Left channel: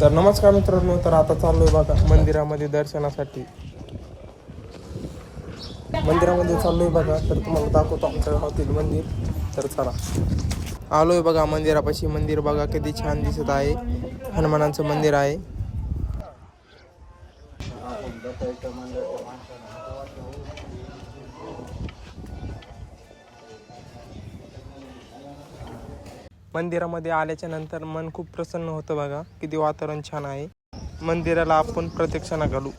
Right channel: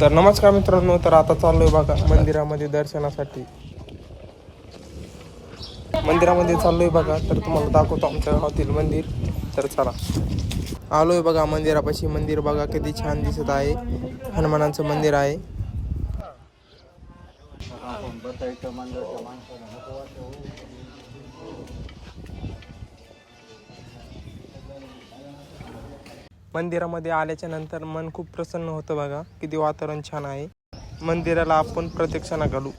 तर नमस्कार मित्रांनो, तर आता चाललोय बघा मंदिरामध्ये दर्शनासाठी. मंदिरामध्ये चाललोय बघा, तर तुम्हाला दाखवतो आमच्या गावातील मंदिर. तर चला, आलोय बघा मंदिरापाशी. मंदिर बघा किती छान दिसत आहे. हनुमानाचं मंदिर आहे. मंदिरामध्ये आल्याच्या नंतर मन खूप प्रसन्न होतं बघा. किती वातावरण छान आहे. मंदिराला आपण प्रदक्षिणा घालू.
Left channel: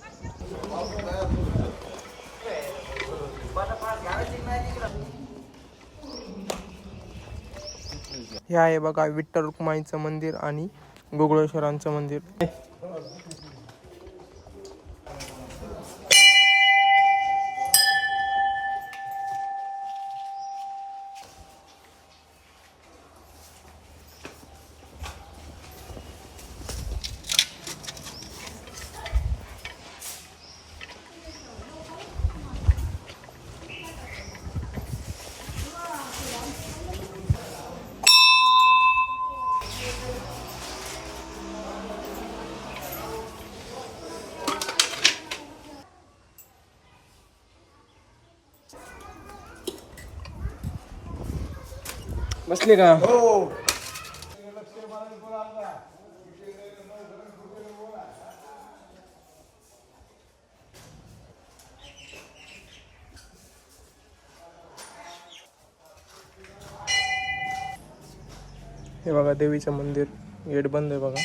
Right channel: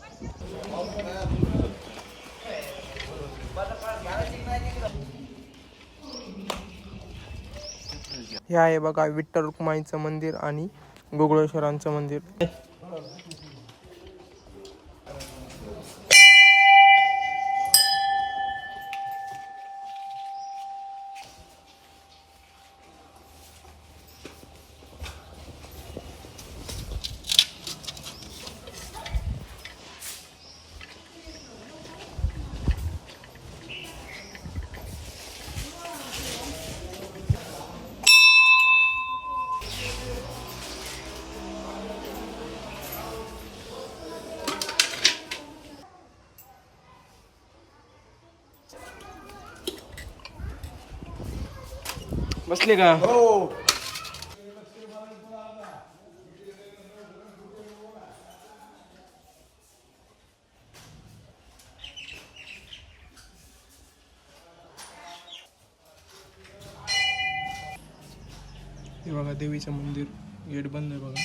हे आहे बघा विठ्ठल रुक्माईचं मंदिर आणि गोकुळेश्वरांचं मंदिर. बसले का? हो. हे बघा देवीचं मंदिर, गेट बंद आहे बघा.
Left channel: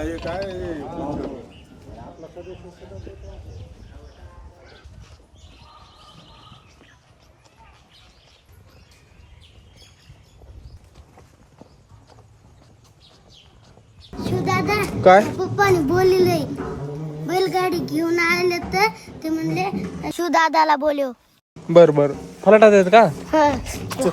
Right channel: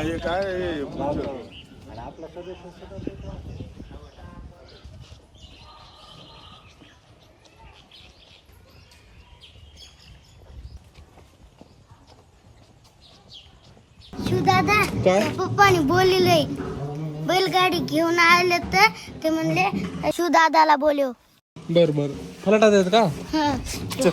हे काय शिवदादा काय? पप्पाने बोललेलंय बैलगाडी घेऊन आले तर ते म्हणले शिवदादाला बोलव. बर बर, फलाटात आहेत का? चलो.